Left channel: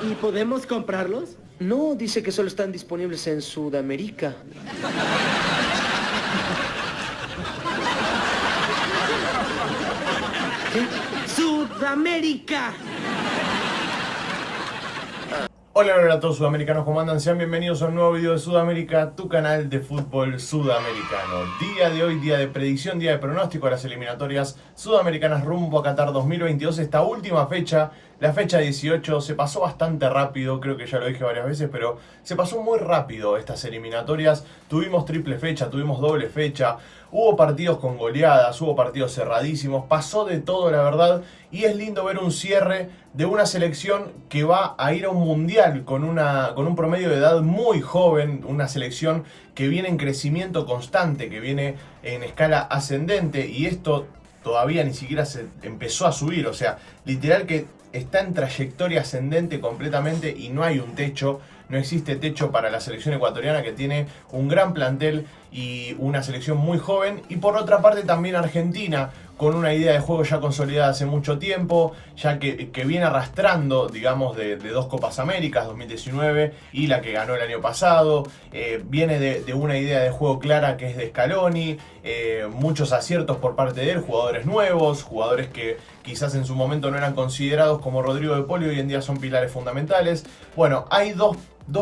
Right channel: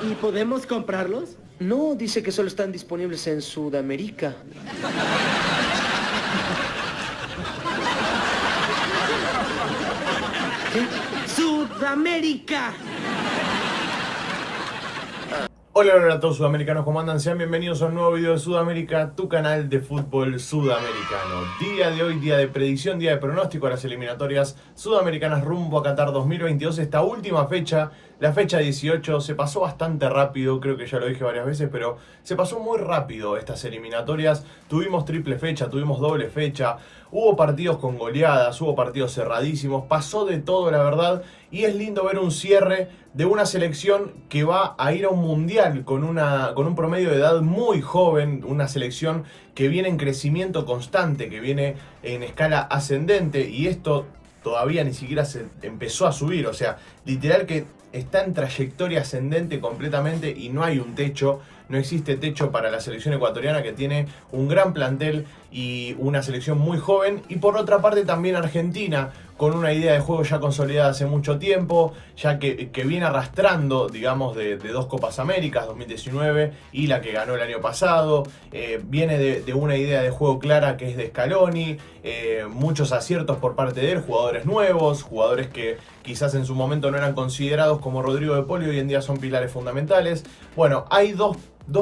¿Y podemos comprarlos? No, dice que solo están disponibles en Sudamérica. ¿Qué? ¡Sudamérica! Hola a todos sudamericanos, ¿cómo andan? Sean bienvenidos a un nuevo video de Sudamérica, tu canal de fútbol sudamericano. Día de hoy, día de predicción, día de pronóstico a las eliminatorias sudamericanas rumbo a Qatar 2022. Esta última fecha, la fecha 18, se pasó bastante rápido, creo que ya lo dije varias veces, pero se pasó muy rápido estas eliminatorias. Tuvimos triple fecha, tuvimos doble fecha, hubo partidos con goleadas, hubo partidos cerradísimos, pasó de todo la verdad. Y es lindo ver un cierre de una selección que va a ir a un mundial con un promedio de edad muy joven, una selección que viene en crecimiento constante, que viene en escala ascendente, y esto todavía ni siquiera se empezó a subir, o sea, literal que está en trayectoria ascendente completamente y no hay un techo, no existe techo para la selección ecuatoriana, que tiene un gran plantel y una selección muy joven. Y por otra parte también Argentina, con una idea de juego ya consolidada hace mucho tiempo, ya que viene arrastrando, digamos, de dos Copas Américas, 2019 y la que ganó el año pasado. Viene de una idea de juego clara que es de Scaloni, muchos aciertos por parte de él, jugadores nuevos, jugadores que quizás en su momento no eran considerados como Rodrigo de Paul y hoy en día son pilares fundamentales. Bueno, hay dos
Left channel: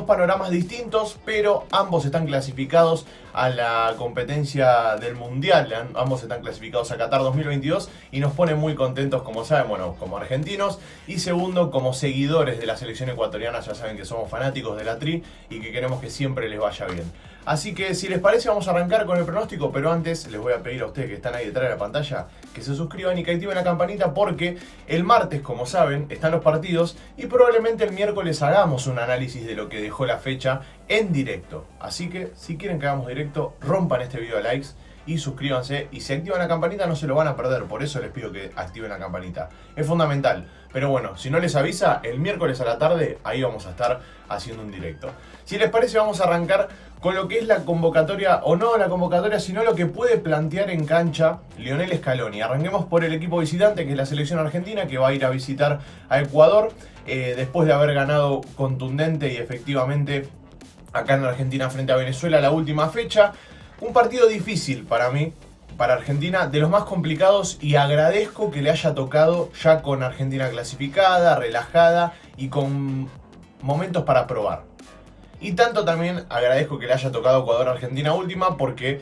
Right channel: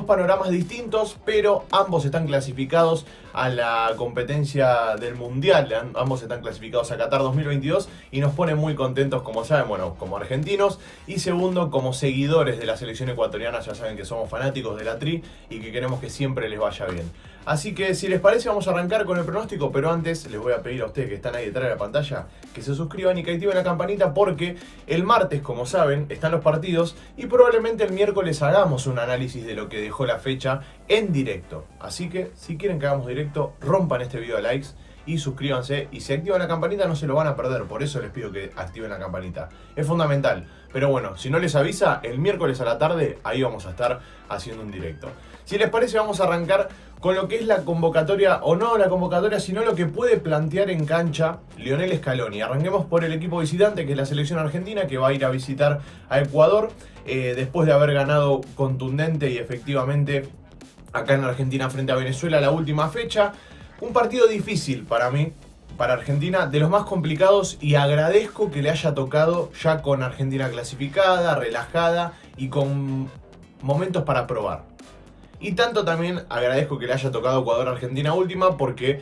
panoramas distintos, pero ambos están clasificados a la competencia del Mundial, ambos están clasificados a Qatar 2022 y nos pone muy contentos, como saben, bueno, como argentinos, y segundo, como seguidores de la selección ecuatoriana. Ya saben que somos fanáticos de la Tri y que queremos que siempre les vaya bien. Así que si les parece vamos a arrancar con el pronóstico, pero antes les voy a pedir a ustedes que están ahí detrás de la pantalla que se suscriban y que activen la campanita, porque el martes, como saben, están los partidos y probablemente el miércoles hagamos un análisis de lo que dejó la fecha en directo. Así que si quieren que hagamos directo, rompan este video a likes y suscríbanse, y si activan la campanita no se lo van a perder, por eso les pido que activen la campanita, es fundamental. Pero bueno, si no les avisa, el miércoles a la tarde ahí vamos a estar haciendo un directo. Si les parece vamos a arrancar con lo que es la convocatoria, o no la convocatoria, sino lo que puede plantear en cancha Lionel Scaloni. Arranquemos por el equipo visitante, que es la selección argentina, que va a ir a visitar a Ecuador, después de haber ganado contundente y efectivamente acá en Argentina frente a Venezuela la última fecha. Un partido difícil para mí, para Argentina, de los más complicados, y agradezco que le haya tocado ya con Argentina clasificada, relajada y con momentos para probar. Y tanto también agradezco que le haya tocado Ecuador-Argentina última, porque,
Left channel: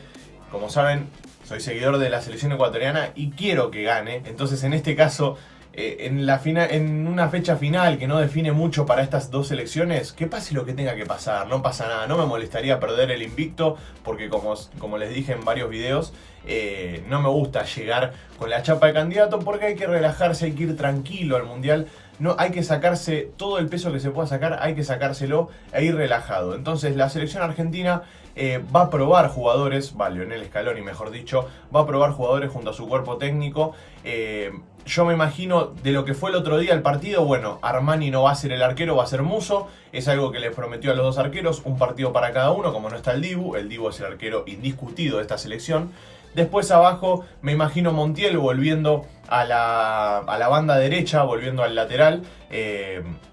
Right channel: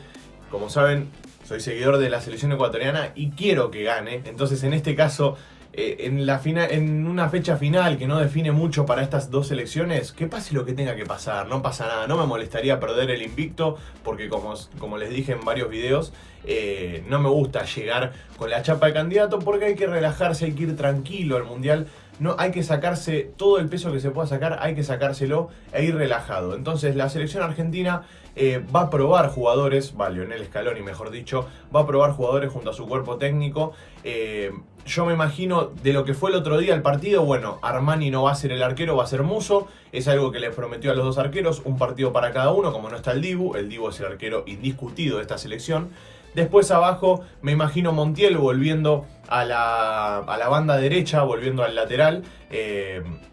como saben, soy seguidor de la selección ecuatoriana y quiero que gane. Entonces, en este caso, en una fecha final que no define mucho para estas dos selecciones, que pase lo que tenga que pasar, no pasa nada. No me molestaría perder el invicto, porque como les dije en varios videos, no me gusta llegar con la chapa de candidato, porque hay que relajarse, hay que ir tranquilo al Mundial. No, hay que sacarse todo el peso que se pueda sacar, hay que sacárselo e ir relajado. Entonces la selección argentina va a probar jugadores, Lionel Scaloni mejor dicho, va a probar jugadores junto a su cuerpo técnico. Yo me imagino de lo que fue el otro día el partido, bueno, Armani no va a ser el arquero, va a ser Musso. Es algo que les prometió a los dos arqueros, un partido para cada uno, como no está el Dibu es el arquero indiscutido de esta selección. Después abajo me imagino Montiel volviendo a la banda derecha, volviendo al lateral.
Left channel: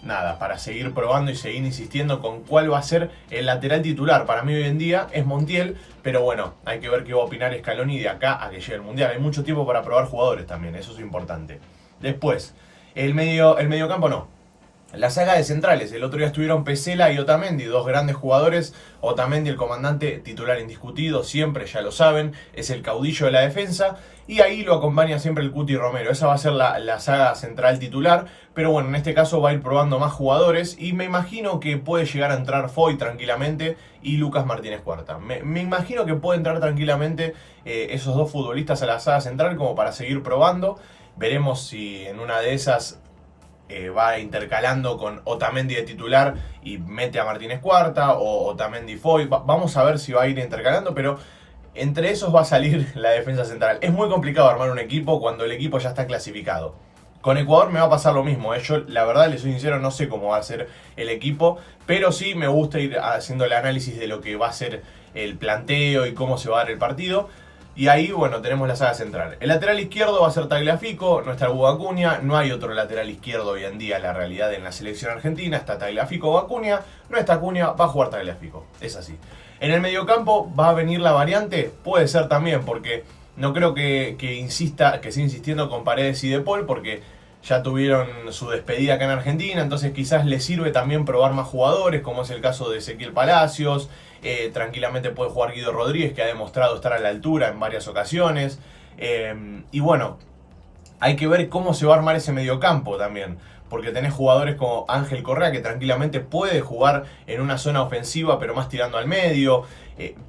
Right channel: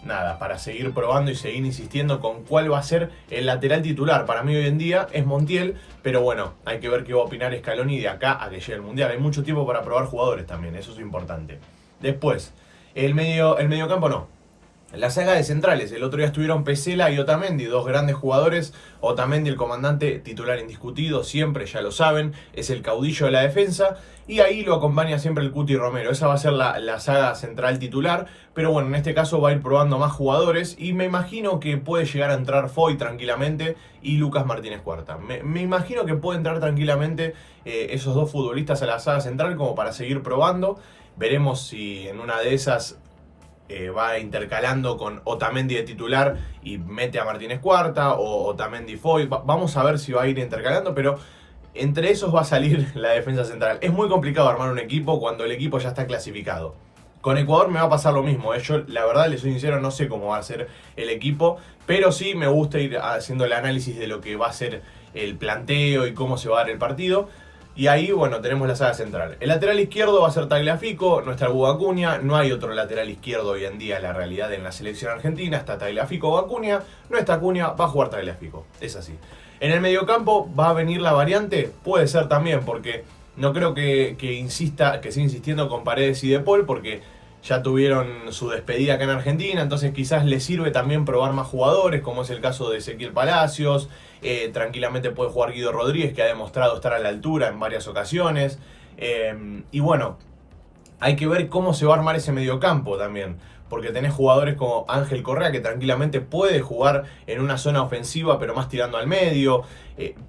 Nada, para seguir probando y seguir insistiendo con cuál va a ser el lateral titular. Para mí hoy en día es Montiel, pero bueno, hay que ver qué va a opinar Scaloni de acá a que llegue el Mundial. Hay mucho tiempo para probar jugadores también, eso es importante. Después, el mediocampo no. La saga de centrales, el otro día estuvieron Pesela y Otamendi, dos grandes jugadores. Otamendi, el comandante titular indiscutido, siempre, ya lo saben, es el caudillo de la defensa, y ahí lo acompaña siempre el Cuti Romero. Esa va a ser la saga central titular, pero bueno, en este caso va a ir probando más jugadores, y me imagino que puede llegar a entrar Foy tranquilamente y Lucas Martínez Cuarta. Me imagino que puede entrar tranquilamente esos dos futbolistas a la saga central como para seguir probando. Veremos si en una de esas va intercalando con Otamendi de titular y mete a Martínez Cuarta, o Otamendi Foy. Vamos a ver si va a ir intercalando, pero entre esos va a salir la defensa central. Es muy complicado armar un equipo cuando el equipo ya está clasificado. Con Ecuador me va a pasar lo mismo. Yo la verdad, les soy sincero, no sé cómo va a ser el equipo, pero sí me gusta ir haciendo el análisis de lo que va a ser el planteo y cómo se va a dar el partido. Y ahí, bueno, tenemos la saga central. El lateral izquierdo va a ser Tagliafico, no está el Hugo Acuña, no hay otro lateral izquierdo hoy en día, la realidad en la selección argentina, está Tagliafico o Acuña, no está Acuña, va a jugar Tagliafico, es así. En el mediocampo va a venir la variante, puede ser también, porque no creo que siga insistiendo con Paredes y De Paul, porque ya tuvieron su despedida acá en Argentina, entonces quizás les sirve también probar más jugadores, como es el caso de Ezequiel Palacios. Tranquilamente puede jugar Guido Rodríguez, que ha demostrado estar a la altura en varias ocasiones. Y bueno, hay que ver cómo se va a armar ese mediocampo también, porque tenés jugadores como Ángel Correa, que tranquilamente puede jugar en una zona ofensiva, pero más tirando al medio.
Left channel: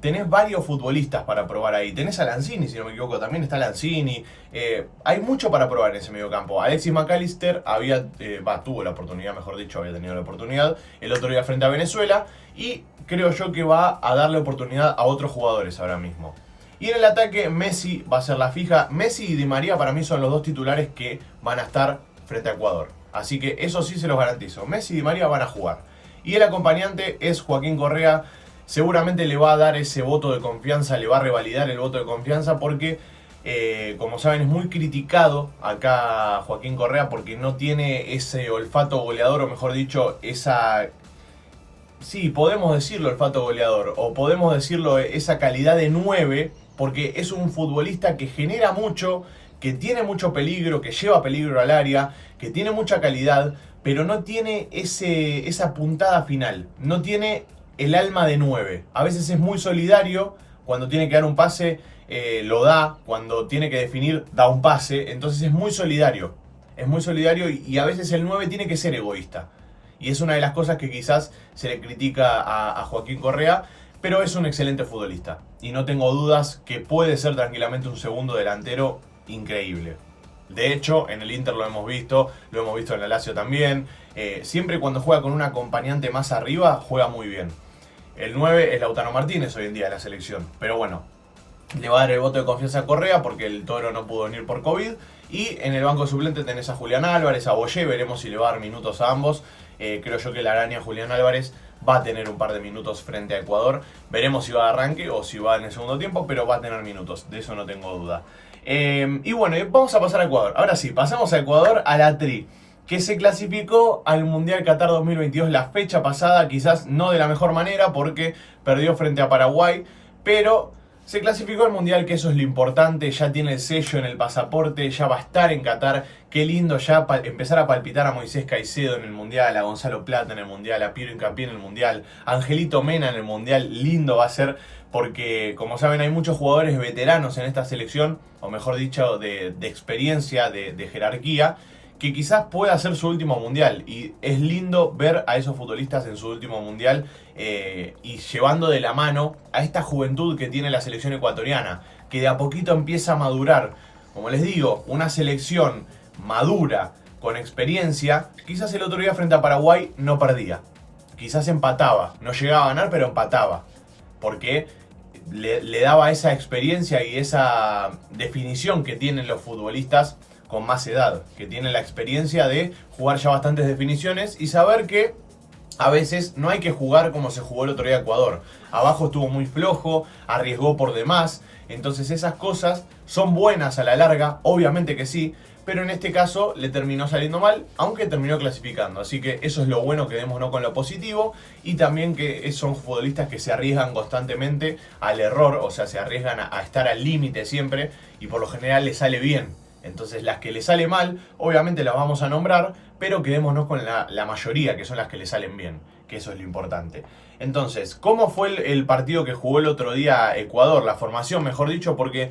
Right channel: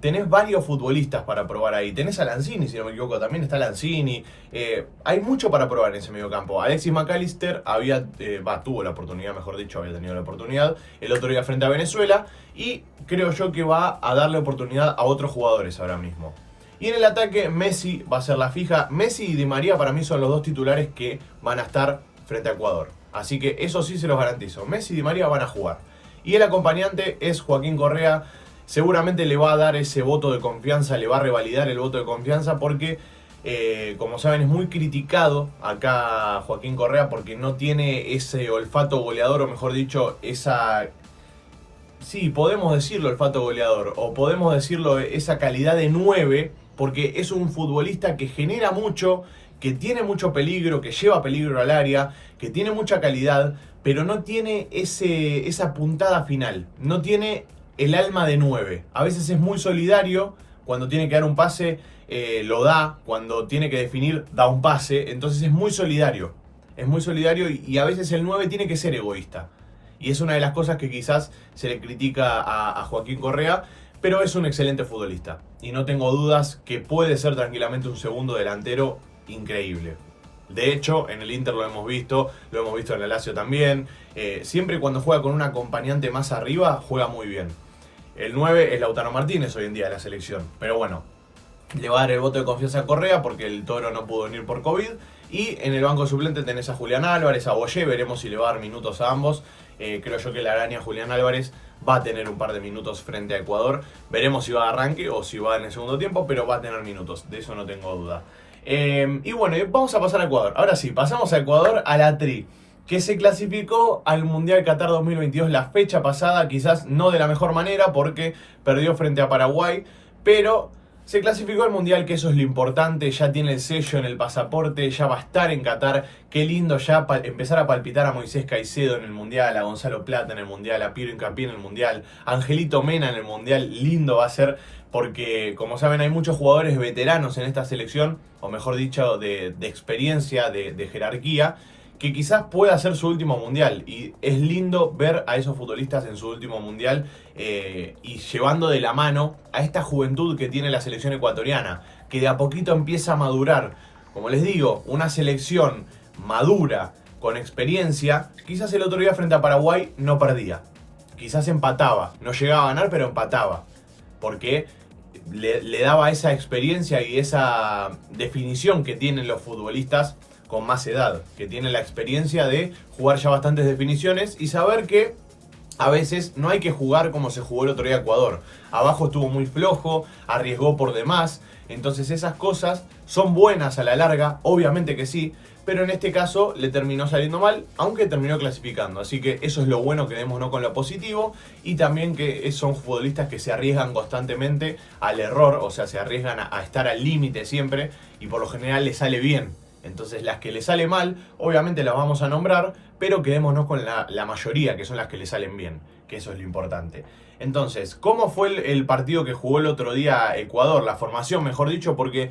Tenés varios futbolistas para probar ahí. Tenés a Lanzini, si no me equivoco, también está Lanzini. Hay mucho para probar en ese mediocampo. Alexis McAllister tuvo la oportunidad, mejor dicho, había tenido la oportunidad el otro día frente a Venezuela, y creo yo que va a darle oportunidad a otros jugadores ahora mismo. Y en el ataque, Messi va a ser la fija. Messi y Di María para mí son los dos titulares que van a estar frente a Ecuador. Así que eso sí se los garantizo. Messi y Di María van a jugar. Y el acompañante es Joaquín Correa. Seguramente le va a dar ese voto de confianza, le va a revalidar el voto de confianza porque, como saben, es muy criticado acá Joaquín Correa porque no tiene ese olfato goleador, o mejor dicho, sí, podemos decirlo olfato goleador, o podemos decirlo esa calidad de 9, porque es un futbolista que genera mucho, que tiene mucho peligro, que lleva peligro al área, que tiene mucha calidad, pero no tiene esa puntada final, no tiene el alma de 9. A veces es muy solidario, cuando tiene que dar un pase lo da, cuando tiene que definir da un pase, entonces es muy solidario y a veces el 9 tiene que ser egoísta. Y es una de las cosas que quizás se le critica a Joaquín Correa, pero es un excelente futbolista. Y no tengo dudas que puede ser tranquilamente un segundo delantero increíble. De hecho, en el Inter lo hemos visto en el Lazio también. Siempre cuando juega con un acompañante más arriba, juega muy bien. El 9 es Lautaro Martínez hoy en día de la selección. Pero bueno, le va a dar el voto de confianza a Correa porque el Toro no pudo venir por COVID. Y en el banco suplente tenés a Julián Álvarez, a Boyé, veremos si le va a dar minutos a ambos. Creo yo que la araña Julián Álvarez va a tener un par de minutos frente a Ecuador. Veremos si va a arranque o si va en el segundo tiempo, pero va a tener minutos, de eso no tengo duda. Y bueno, vamos a pasar a Ecuador. Ahora sí, pasamos a Ecuador, a la Tri, que se clasificó al Mundial Qatar 2022 la fecha pasada, quizás no de la mejor manera porque perdió frente a Paraguay, pero se clasificó al Mundial, que eso es lo importante, ya tiene el sello en el pasaporte, ya va a estar en Qatar. Qué lindo ya empezar a palpitar a Moisés Caicedo en el Mundial, a Gonzalo Plata en el Mundial, a Piero Hincapié en el Mundial, a Angelito Mena en el Mundial. Lindo va a ser porque, como saben, hay muchos jugadores veteranos en esta selección, o mejor dicho, de experiencia, de jerarquía, que quizás pueda ser su último mundial. Y es lindo ver a esos futbolistas en su último mundial y llevando de la mano a esta juventud que tiene la selección ecuatoriana, que de a poquito empieza a madurar. Como les digo, una selección madura, con experiencia. Quizás el otro día frente a Paraguay no perdía, quizás empataba, no llegaba a ganar, pero empataba, porque le daba esa experiencia y esa definición que tienen los futbolistas con más edad, que tienen la experiencia de jugar ya bastantes definiciones y saber que a veces no hay que jugar como se jugó el otro día Ecuador. Abajo estuvo muy flojo, arriesgó por demás, entonces esas cosas son buenas a la larga, obviamente que sí, pero en este caso le terminó saliendo mal, aunque terminó clasificando. Así que eso es lo bueno, quedémonos con lo positivo. Y también que son futbolistas que se arriesgan constantemente al error, o sea, se arriesgan a estar al límite siempre y por lo general les sale bien. Entonces las que les sale mal, obviamente las vamos a nombrar, pero quedémonos con la mayoría, que son las que les salen bien, que eso es lo importante. Entonces, ¿cómo fue el partido que jugó el otro día Ecuador? La formación, mejor dicho, porque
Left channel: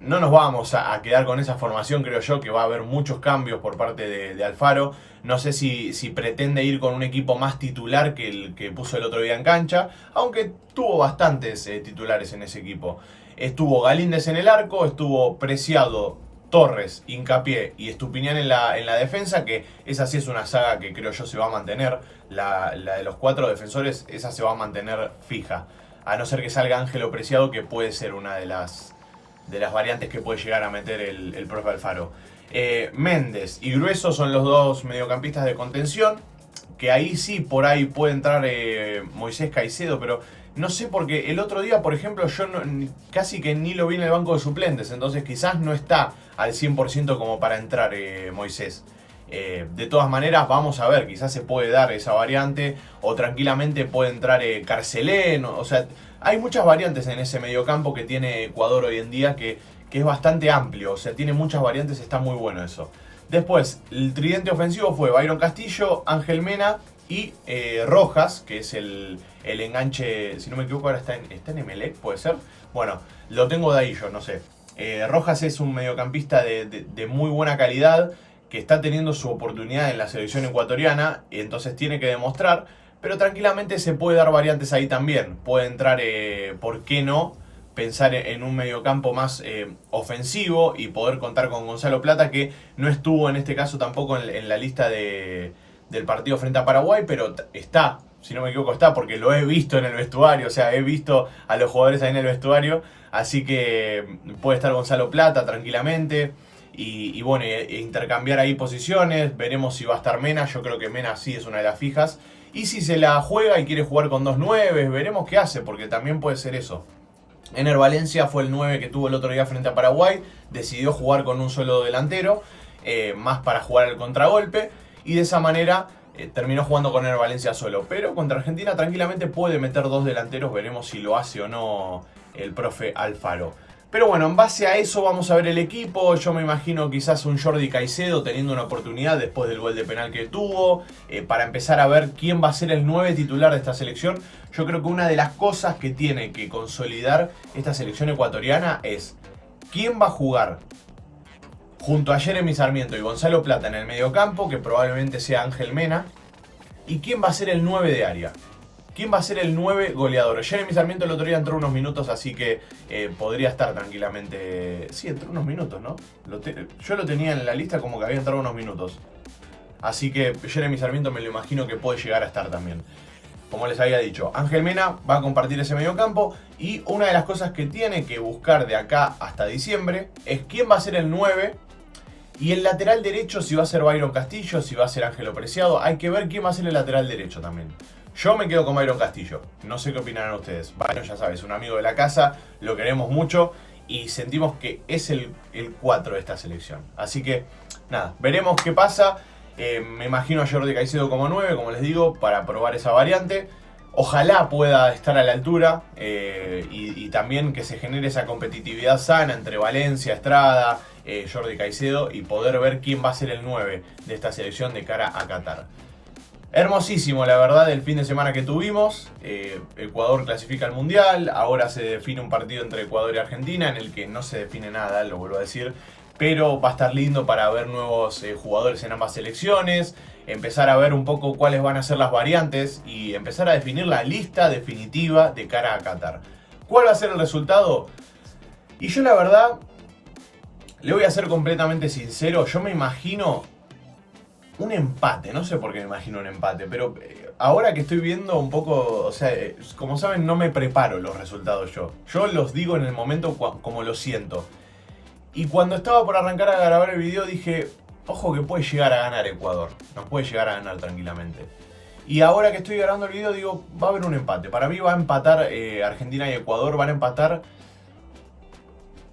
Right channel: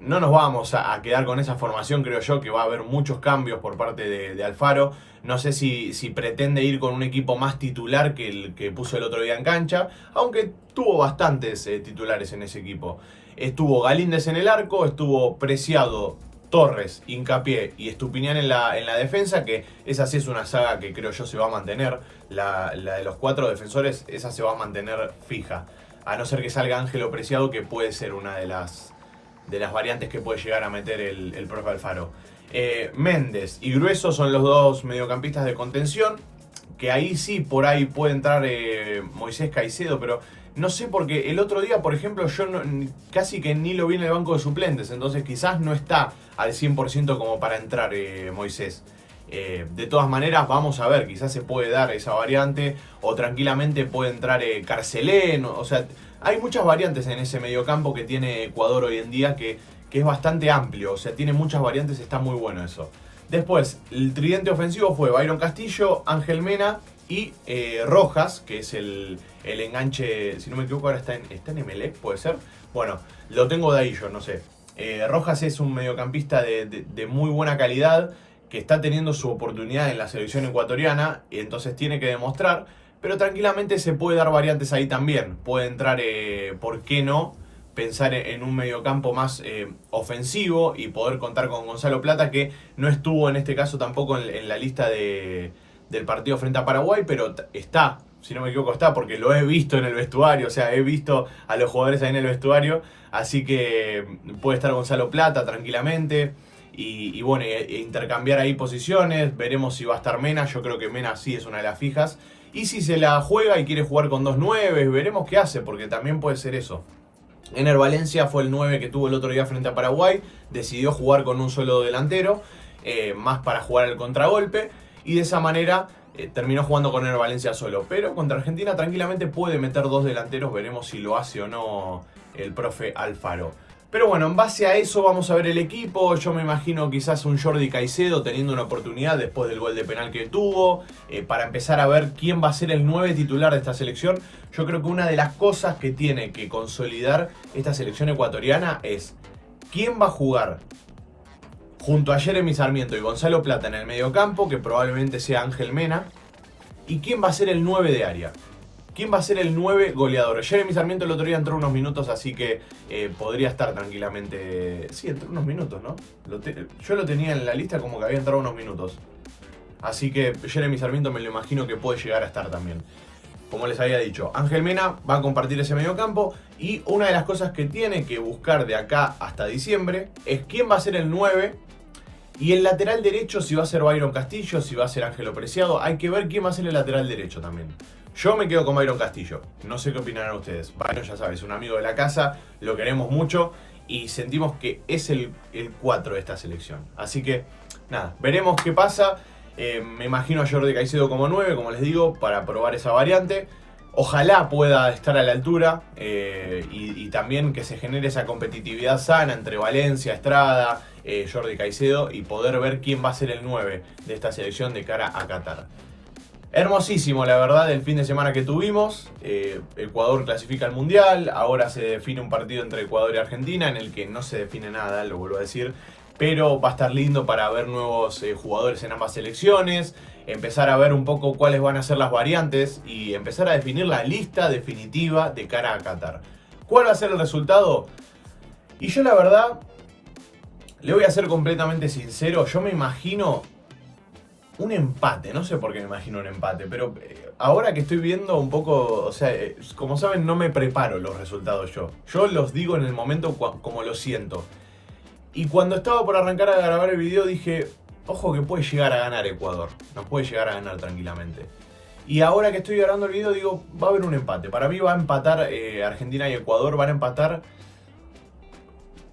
no nos vamos a quedar con esa formación, creo yo, que va a haber muchos cambios por parte de Alfaro. No sé si pretende ir con un equipo más titular que el que puso el otro día en cancha, aunque tuvo bastantes titulares en ese equipo. Estuvo Galíndez en el arco, estuvo Preciado, Torres, Hincapié y Estupiñán en la defensa, que esa sí es una saga que creo yo se va a mantener. La de los 4 defensores, esa se va a mantener fija. A no ser que salga Ángelo Preciado, que puede ser una de las variantes que puede llegar a meter el profe Alfaro. Méndez y Grueso son los dos mediocampistas de contención, que ahí sí, por ahí puede entrar Moisés Caicedo, pero No sé, porque el otro día, por ejemplo, yo casi que ni lo vi en el banco de suplentes, entonces quizás no está al 100% como para entrar Moisés. De todas maneras, vamos a ver, quizás se puede dar esa variante, o tranquilamente puede entrar Carcelén, o sea, hay muchas variantes en ese mediocampo que tiene Ecuador hoy en día que es bastante amplio, o sea, tiene muchas variantes, está muy bueno eso. Después, el tridente ofensivo fue Byron Castillo, Ángel Mena y Rojas, que es el enganche, si no me equivoco ahora está en Emelec, puede ser. Bueno, lo tengo de ahí yo, no sé. Rojas es un mediocampista de muy buena calidad, que está teniendo su oportunidad en la selección ecuatoriana, y entonces tiene que demostrar, pero tranquilamente se puede dar variantes ahí también. Puede entrar, ¿por qué no?, pensar en un mediocampo más ofensivo y poder contar con Gonzalo Plata, que no estuvo en este caso tampoco en la lista del partido frente a Paraguay, pero está, si no me equivoco está, porque lo he visto en el vestuario, o sea, he visto a los jugadores ahí en el vestuario, así que puede estar Gonzalo Plata tranquilamente. Y bueno, intercambiar ahí posiciones, veremos si va a estar Mena, yo creo que Mena sí es una de las fijas. Y si se la juega y quiere jugar con 2-9, veremos qué hace, porque también puede ser eso. Ener Valencia fue el 9 que tuvo el otro día frente a Paraguay, decidió jugar con un solo delantero, más para jugar el contragolpe, y de esa manera terminó jugando con Ener Valencia solo. Pero contra Argentina tranquilamente puede meter 2 delanteros, veremos si lo hace o no el profe Alfaro. Pero bueno, en base a eso vamos a ver el equipo. Yo me imagino quizás un Jordi Caicedo teniendo una oportunidad después del gol de penal que tuvo, para empezar a ver quién va a ser el 9 titular de esta selección. Yo creo que una de las cosas que tiene que consolidar esta selección ecuatoriana es quién va a jugar junto a Jeremy Sarmiento y Gonzalo Plata en el mediocampo, que probablemente sea Ángel Mena, y quién va a ser el 9 de área. ¿Quién va a ser el 9 goleador? Jeremy Sarmiento el otro día entró unos minutos, así que podría estar tranquilamente. Sí, entró unos minutos, ¿no? Yo lo tenía en la lista como que había entrado unos minutos. Así que Jeremy Sarmiento me lo imagino que puede llegar a estar también. Como les había dicho, Ángel Mena va a compartir ese mediocampo. Y una de las cosas que tiene que buscar de acá hasta diciembre es quién va a ser el 9. Y el lateral derecho, si va a ser Byron Castillo, si va a ser Ángelo Preciado. Hay que ver quién va a ser el lateral derecho también. Yo me quedo con Byron Castillo. No sé qué opinarán ustedes. Byron, ya sabes, un amigo de la casa. Lo queremos mucho. Y sentimos que es el 4 de esta selección. Así que, nada, veremos qué pasa. Me imagino a Jordi Caicedo como 9, como les digo, para probar esa variante. Ojalá pueda estar a la altura. Y también que se genere esa competitividad sana entre Valencia, Estrada, Jordi Caicedo. Y poder ver quién va a ser el 9 de esta selección de cara a Qatar. Hermosísimo, la verdad, el fin de semana que tuvimos. Ecuador clasifica al Mundial. Ahora se define un partido entre Ecuador y Argentina, en el que no se define nada, lo vuelvo a decir. Pero va a estar lindo para ver nuevos jugadores en ambas selecciones. Empezar a ver un poco cuáles van a ser las variantes. Y empezar a definir la lista definitiva de cara a Qatar. ¿Cuál va a ser el resultado? Y yo la verdad, le voy a ser completamente sincero. Yo me imagino un empate, no sé por qué me imagino un empate, pero ahora que estoy viendo un poco, o sea, como saben, no me preparo los resultados yo. Yo los digo en el momento como lo siento. Y cuando estaba por arrancar a grabar el video dije, ojo que puede llegar a ganar Ecuador, nos puede llegar a ganar tranquilamente. Y ahora que estoy grabando el video digo, va a haber un empate. Para mí va a empatar Argentina y Ecuador, van a empatar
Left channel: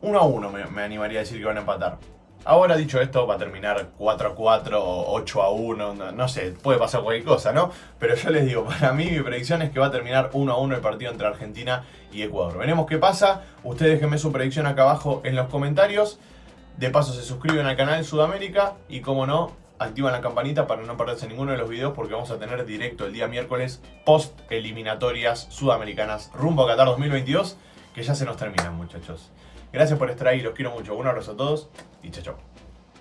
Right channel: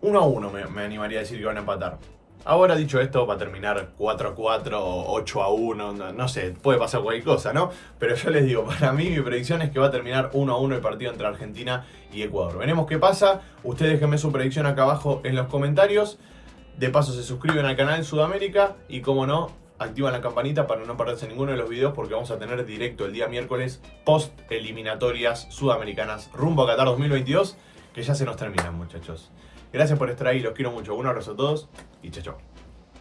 1-1, me animaría a decir que van a empatar. Ahora, dicho esto, va a terminar 4-4 o 8-1, no sé, puede pasar cualquier cosa, ¿no? Pero yo les digo, para mí mi predicción es que va a terminar 1-1 el partido entre Argentina y Ecuador. Veremos qué pasa, ustedes déjenme su predicción acá abajo en los comentarios. De paso se suscriben al canal Sudamérica y, como no, activan la campanita para no perderse ninguno de los videos, porque vamos a tener directo el día miércoles post eliminatorias sudamericanas rumbo a Qatar 2022, que ya se nos terminan, muchachos. Gracias por estar ahí, los quiero mucho. Un abrazo a todos y chao, chao.